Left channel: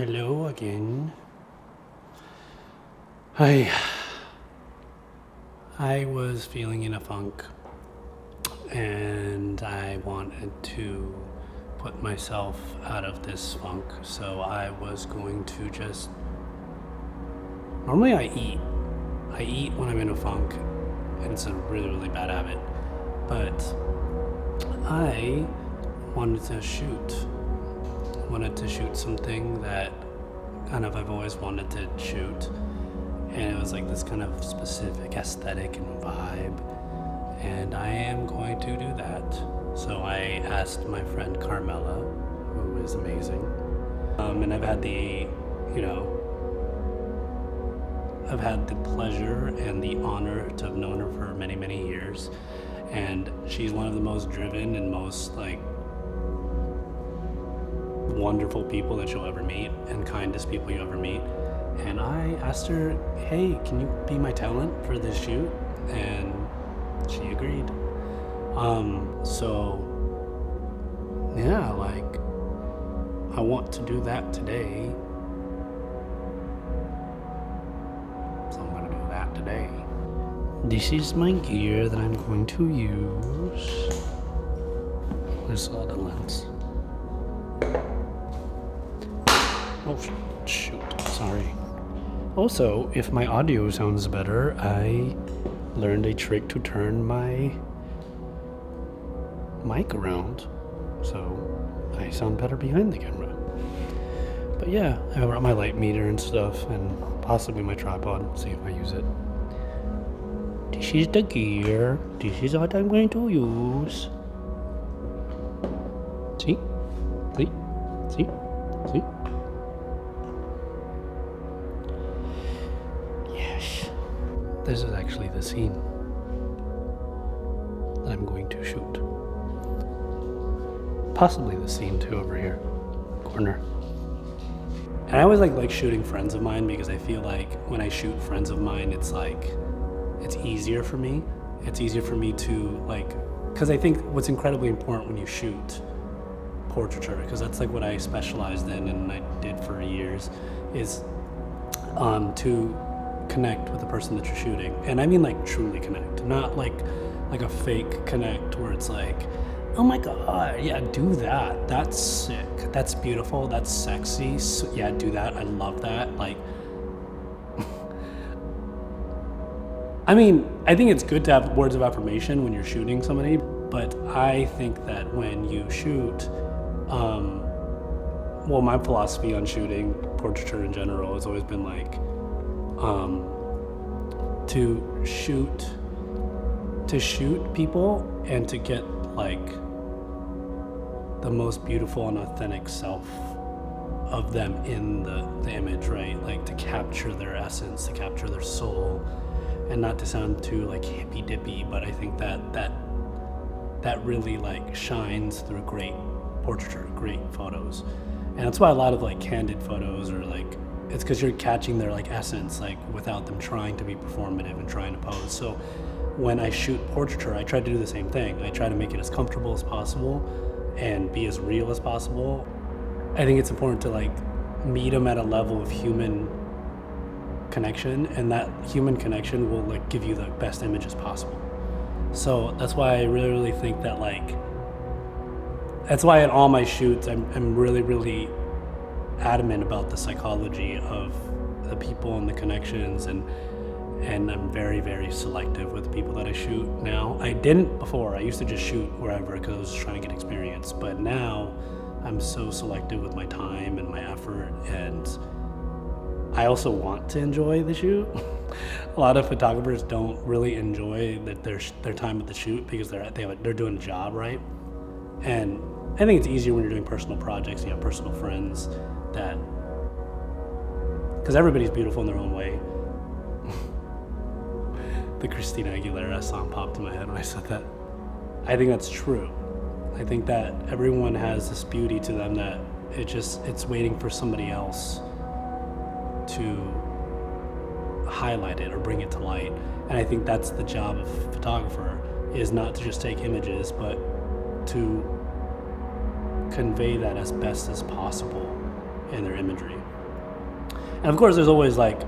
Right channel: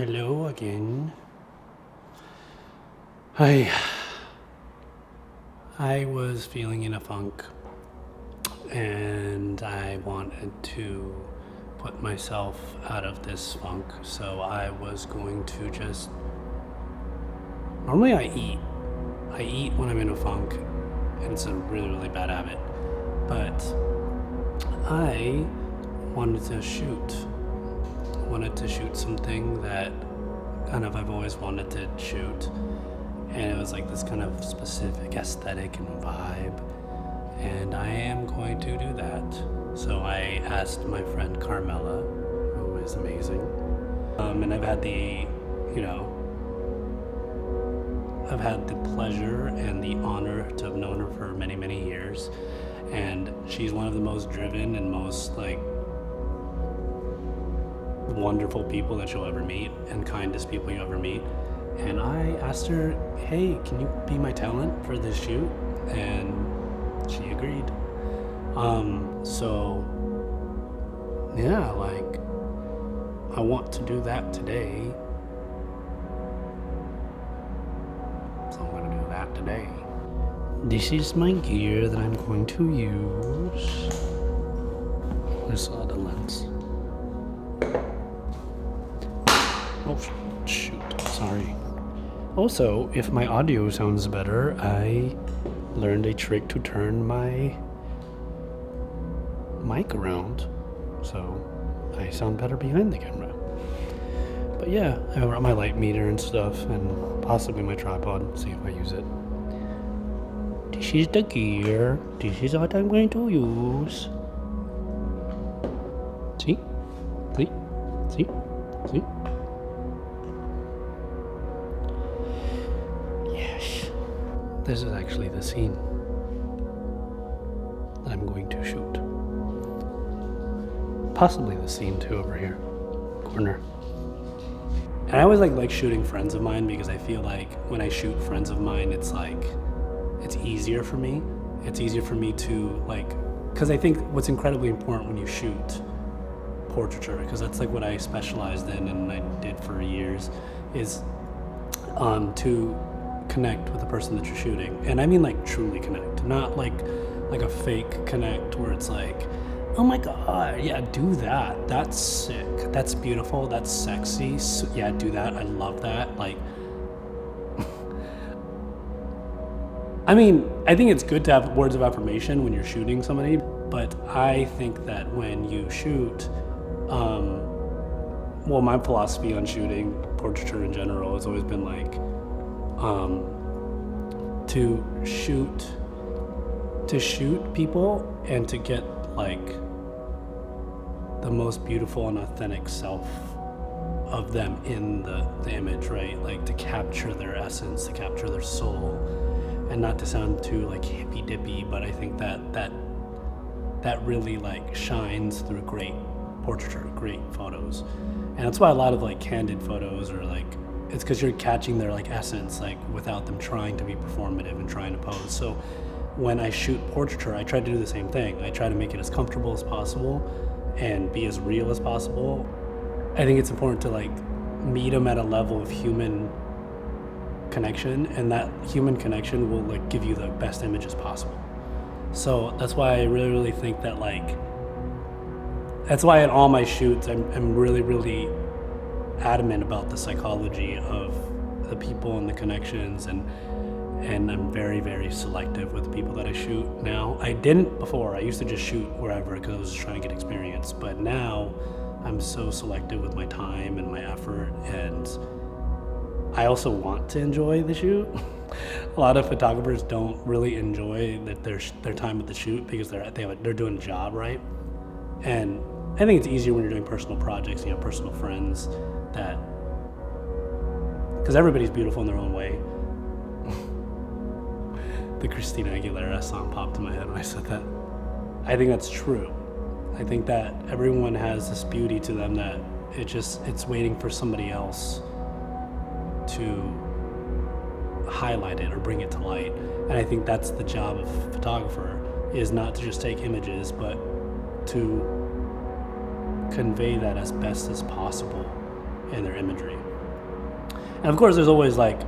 Hello again. I was feeling in a funk and I wanted to put myself out of this funk, so I was going to just normally I eat when I'm in a funk, and it's a really bad habit, but I wanted to shoot something that kind of I've always wanted to shoot, and it was like this kind of specific aesthetic and vibe, and I am going to do that. So I asked my friend Carmela, who is amazing, and I've had the pleasure and the honor to have known her for many years, and she's one of the most driven and most wonderful people that you'll ever meet, and kindest people you ever meet. And I asked her, hey, can you be my talent for this shoot? And she agreed. So yeah, I want to do that today, so I'm gonna do that today. This is my gear that I'm going to use. Where's the other lens? Oh, shoot, sorry. Also, if my audio sounds better, I learned a trick to turn my mic around, so I sound better behind the camera. But yeah, I brought my light meter and stuff, and possibly my tripod, see if I use it. This is the gear. This is what I'm going to use. See? See? See? See? Yes. This is actually the scene that I'm going to shoot. Possibly the scene too over here, corner. And I always like shooting friends of mine, because I feel like when I shoot friends of mine, it's easier for me. It's easier for me to because I think what's incredibly important when you shoot portraiture, because that's what I specialized in and I did for years, is to connect with the person that you're shooting. And I mean truly connect, not like a fake connect where it's oh my god, yeah, do that, that's sick, that's beautiful, that's sexy, so, yeah, do that, I love that. I mean, I think it's good to have words of affirmation when you're shooting somebody, but I think that when you shoot, well, my philosophy on shooting portraiture in general has always been to shoot people and to get the most beautiful and authentic self of them in the image, right? To capture their essence, to capture their soul, and not to sound too hippy dippy, but I think that really shines through great portraiture, great photos. And that's why a lot of candid photos are it's because you're catching their essence without them trying to be performative and trying to pose. So when I shoot portraiture, I try to do the same thing. I try to make it as comfortable as possible and be as real as possible. I think it's important to meet them at a level of human connection, and that human connection will give you the best images possible. So that's why I really think that that's why in all my shoots I'm really adamant about the psychology of the people and the connections, and I'm very selective with the people that I shoot now. I didn't before. I used to just shoot wherever because I was just trying to get experience, but now I'm so selective with my time and my effort, and I also want to enjoy the shoot. A lot of photographers don't really enjoy their time at the shoot because they're doing a job, right? And I think it's easier when you're doing personal projects and you have personal friends, because everybody's beautiful in their own way. The Christina Aguilera song popped in my head when I said that. I think that's true. I think that everyone has this beauty to them that it's waiting for somebody else to highlight it or bring it to light. And I think that's the job of a photographer, is not to just take images, but to convey that as best as possible in their imagery. And of course, there's always like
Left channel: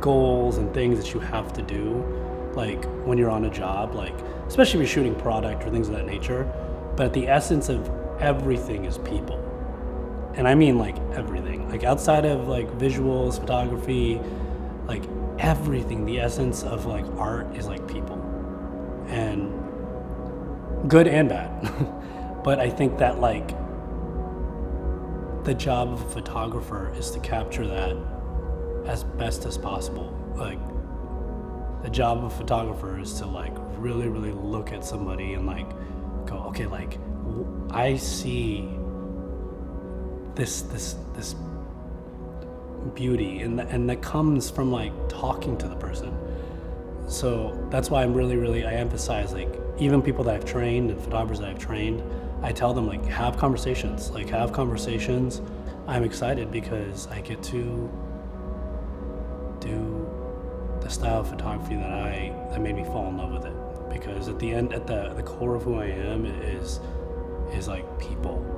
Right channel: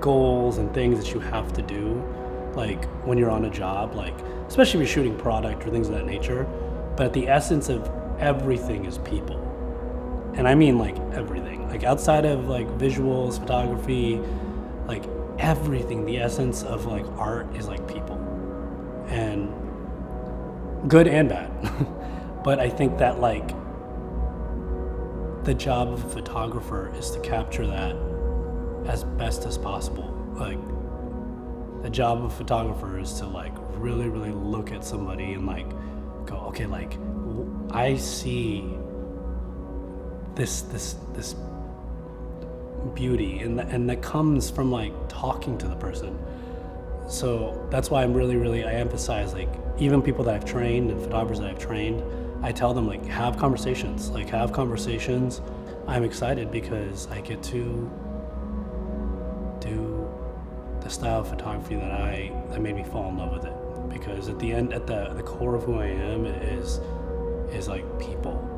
goals and things that you have to do, like when you're on a job, like especially if you're shooting product or things of that nature. But the essence of everything is people. And I mean like everything, like outside of like visuals, photography, like everything, the essence of like art is like people, and good and bad. But I think that like the job of a photographer is to capture that as best as possible. Like the job of a photographer is to like really, really look at somebody and like go, okay, like I see this beauty, and that comes from like talking to the person. So that's why I emphasize, like, even people that I've trained and photographers that I've trained, I tell them like have conversations. I'm excited because I get to do the style of photography that made me fall in love with it. Because at the end, at the core of who I am is like people.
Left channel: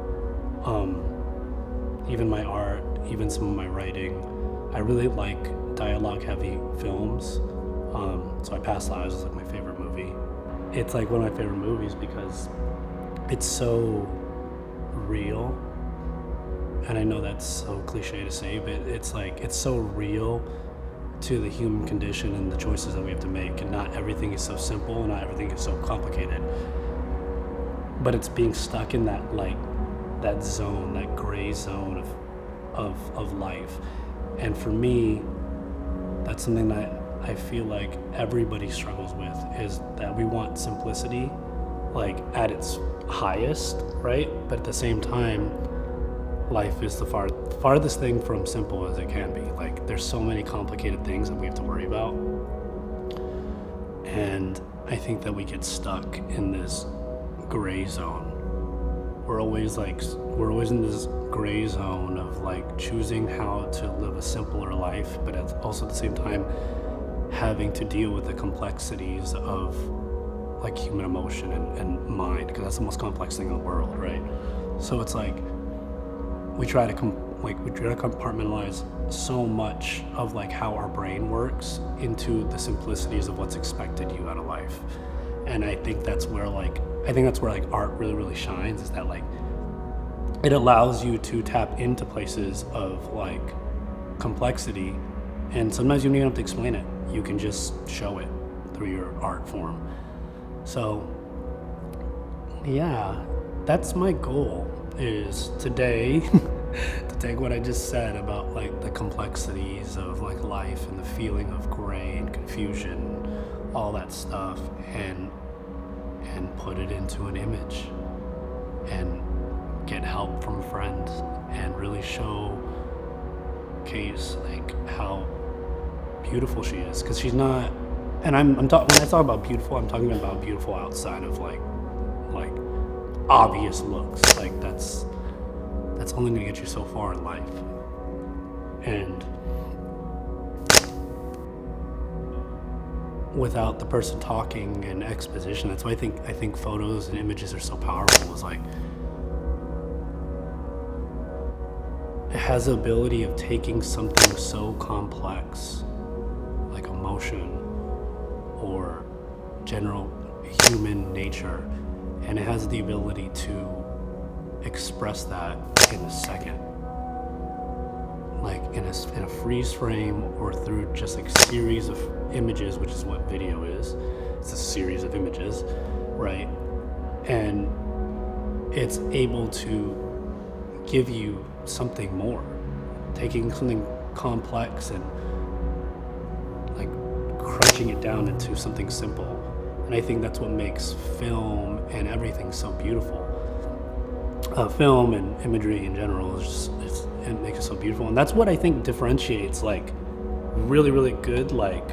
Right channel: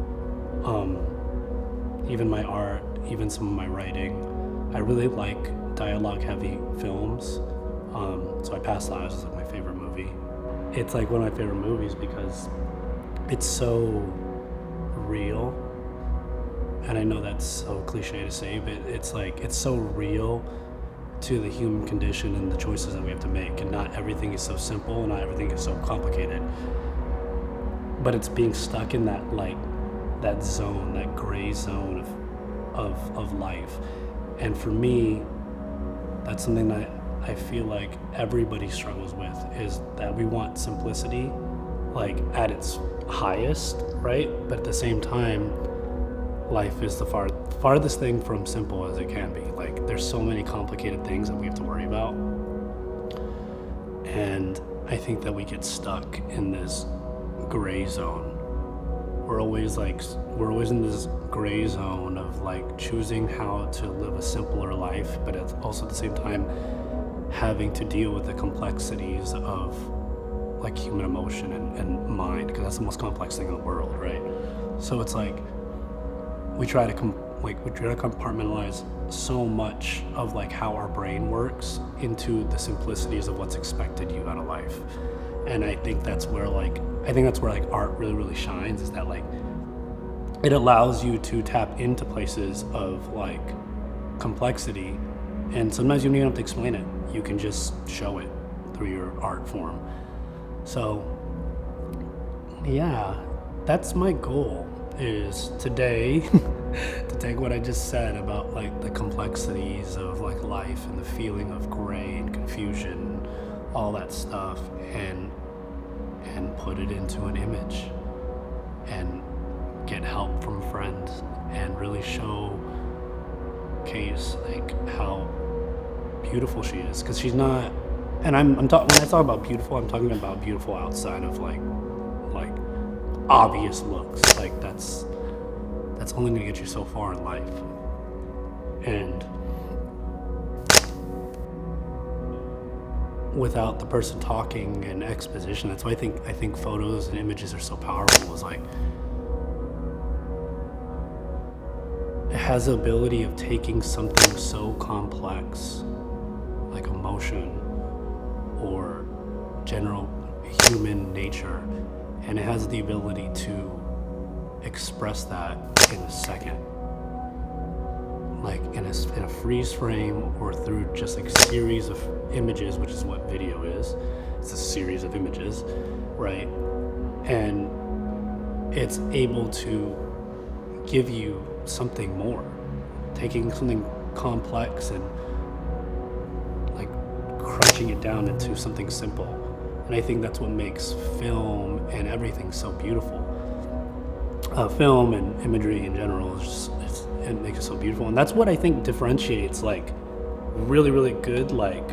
Even my art, even some of my writing. I really like dialogue heavy films. So I Past Lives is like my favorite movie. It's like one of my favorite movies because it's so real. And I know that's so cliche to say, but it's like, it's so real to the human condition and the choices that we have to make. And not everything is so simple, and not everything is so complicated. But it's being stuck in that like that zone, that gray zone of life. And for me, that's something that I feel like everybody struggles with, is that we want simplicity, like at its highest, right? But at the same time, life is the farthest thing from simple as it can be. Like there's so many complicated things that we have to worry about. And I think that we get stuck in this gray zone. We're always in this gray zone of like choosing how to live a simpler life, but also at the same time having to deal with the complexities of like human emotion and mind, because that's the most complex thing in the world, right? So it's like we try to compartmentalize so much of like how our brain works into the simplicities of what's expected you out of life. And I think that's where like art really, really shines, is that like it allows you to tap into places of like complexity, and sometimes you don't even have to explain it. You can just show it through your art form. So yeah, that's my goal, is today to take what I just said about like the complexities of like life and the feeling of gray and confusion, all that stuff, and put it into an image and get help from friends and really showcase like how beautiful she is. Because she's not, and when I talk about beautiful, I'm talking about beautiful outside of like obvious looks. Like that's only gonna get you so far in life. And without the person talking and exposition, that's why I think photos and images are so powerful. Is like it has the ability of taking something so complex, like emotion or general human nature, and it has the ability to express that in a second, like in a freeze frame, or through just like a series of images, which is what video is. It's a series of images, right? And it's able to give you something more, taking something complex and like crunching it down into something simple. And I think that's what makes film and everything so beautiful. Film and imagery in general is just, it makes it so beautiful. And that's what I think differentiates like really, really good, like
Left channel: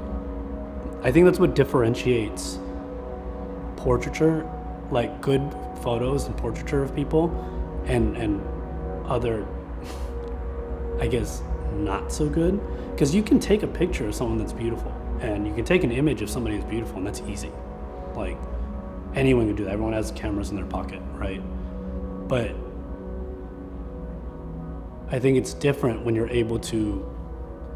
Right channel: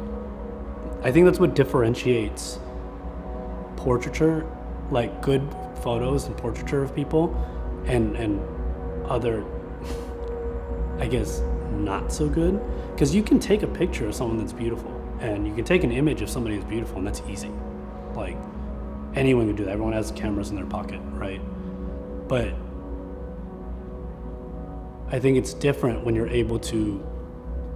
I think that's what differentiates portraiture, like good photos and portraiture of people, and other, I guess, not so good. Because you can take a picture of someone that's beautiful, and you can take an image of somebody who's beautiful, and that's easy. Like anyone can do that. Everyone has cameras in their pocket, right? But I think it's different when you're able to,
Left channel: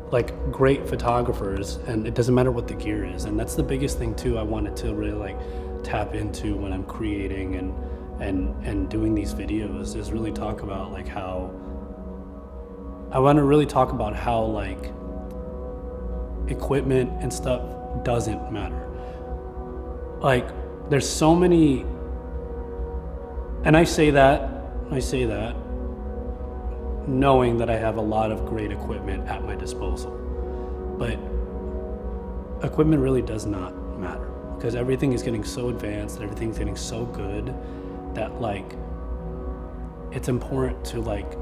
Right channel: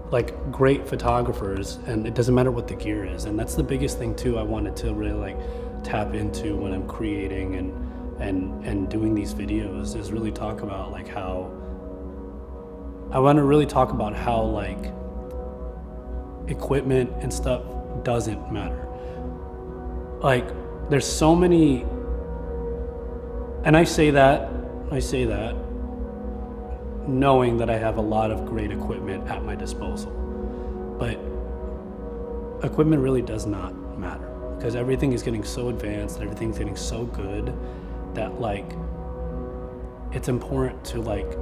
like, great photographers, and it doesn't matter what the gear is. And that's the biggest thing too I wanted to really like tap into when I'm creating and doing these videos, is really talk about like how I want to really talk about how like equipment and stuff doesn't matter. Like, there's so many, and I say that knowing that I have a lot of great equipment at my disposal, but equipment really does not matter, because everything is getting so advanced and everything's getting so good that like it's important to like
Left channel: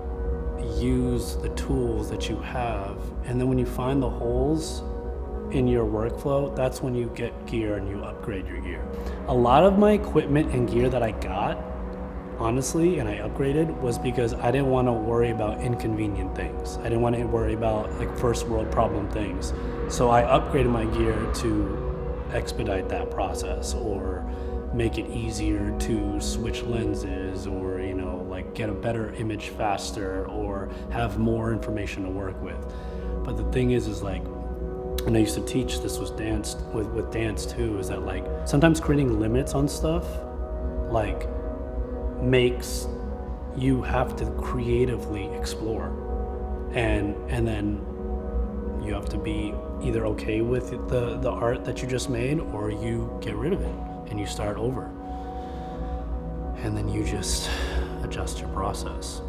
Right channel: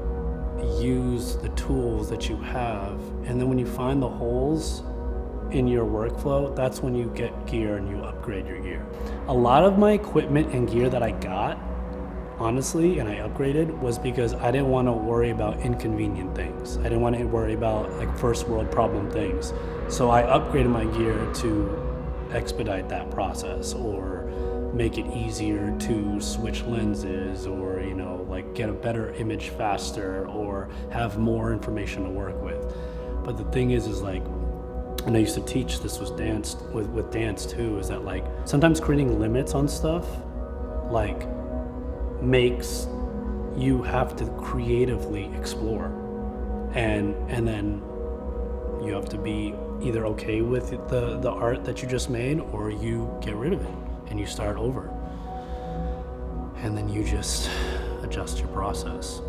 use the tools that you have, and then when you find the holes in your workflow, that's when you get gear and you upgrade your gear. A lot of my equipment and gear that I got, honestly, and I upgraded, was because I didn't want to worry about inconvenient things. I didn't want to worry about like first world problem things. So I upgraded my gear to expedite that process, or make it easier to switch lenses, or, you know, like get a better image faster, or have more information to work with. But the thing is like, and I used to teach this was dance with dance too, is that like sometimes creating limits on stuff like makes you have to creatively explore, and then you have to be either okay with the art that you just made, or you get rid of it and you start over, and then you just adjust your process.